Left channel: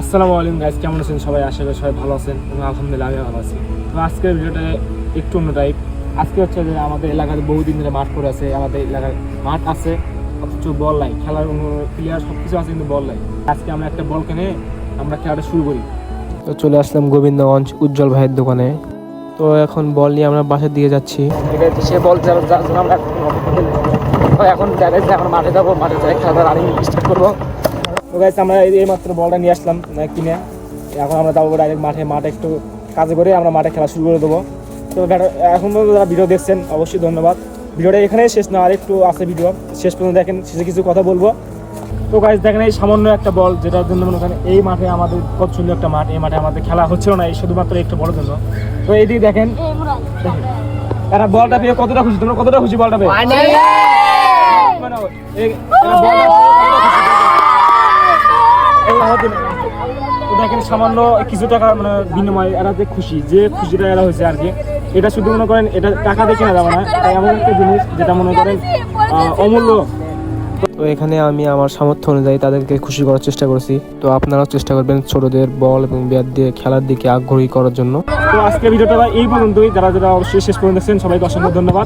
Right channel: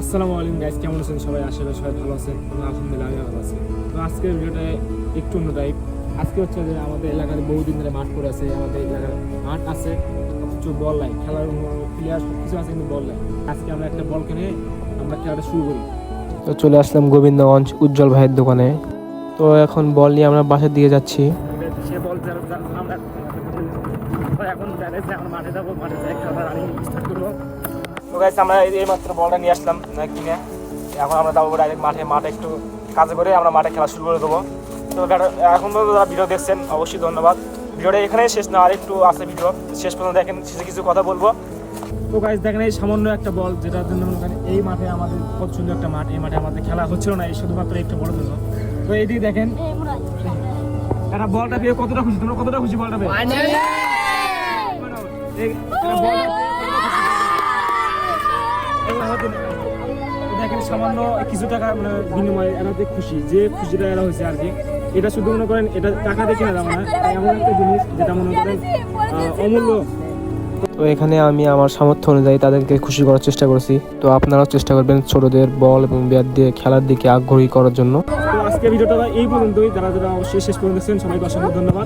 আসসালামু আলাইকুম গাইস, কেমন আছেন সবাই? আশা করি সবাই ভালো আছেন এবং আলহামদুলিল্লাহ আমি ভালো আছি। তো আজকের ভিডিওটা একটু অন্য টাইপ। আজকে হচ্ছে যে আমাদের এলাকাতে বহুদিন ধরে মাঠ পড়ে আছে, আমাদের এলাকার মাঠ আছে অথচ বল নাই, খেলার প্লেয়ার সব কিছু আছে কিন্তু বল নাই। আজকে আমরা একটা বল কিনে আমরা খেলাটা শুরু করি। তো চলে আসলাম গোবিন্দগঞ্জ উজ্জ্বল ভাইয়ের দোকানে। তো এখন বল নিয়ে আমরা বাসার দিকে যাচ্ছি। সে বল আমরা এখন দেখাচ্ছি, আমরা মাঠে যাবো, মাঠে যাই খেলাটা রানিং স্টার্ট করবো। তো গাইস আমরা এই মাত্র বলটা নিয়ে আসলাম কিনে, এখন আমরা যাবো ডাইরেক্ট মাঠে একটু কাজ করে আমরা মাঠে খেলা শুরু করে দেবো। তো এখন পর্যন্ত যারা ভিডিও দেখছেন অবশ্যই ধন্যবাদ। ভিডিওটা এখানেই শেষ না, আর একটু আছে ভিডিও, শেষ পর্যন্ত দেখেন, শেষে কিছু কথা বলবো। তো গাইস দেখেন এই সামান্য একটা বল, যেটার জন্য মনে করেন এই মাঠে আমাদের কত সুন্দর একটা মাঠ, এই মাঠে আমাদের খেলা হচ্ছিল না, এই শুধুমাত্র একটু বড় জন্য। তো এই দিকে দেখেন এরা বলটা পেয়ে কতটা খুশি, তোমরা কতটা খুশি বলটা পেয়ে? দেখেন সামান্য কিছু টাকা মানে বিনিময়ে এরা যে খুশি, যে খুশিটা এরা হয়েছে আর কি, এটা শুধু মনে করেন এটা টাকা দিয়ে কেনা যাবে না, এমন একটা জিনিস যেটা মনে করেন অমূল্য। তো এখানে আমি আমার সামর্থ্য অনুযায়ী তাদেরকে খুশি করার চেষ্টা করেছি। তো আপনারাও চেষ্টা করবেন ছোটদের বল এবং ব্যাট দিয়ে খেলার দিকে আগ্রহী করার জন্য। তো আজকে ভিডিওটা এই পর্যন্তই। যারা যারা অবশ্যই শেষ পর্যন্ত দেখছেন সবাইকে অসংখ্য ধন্যবাদ।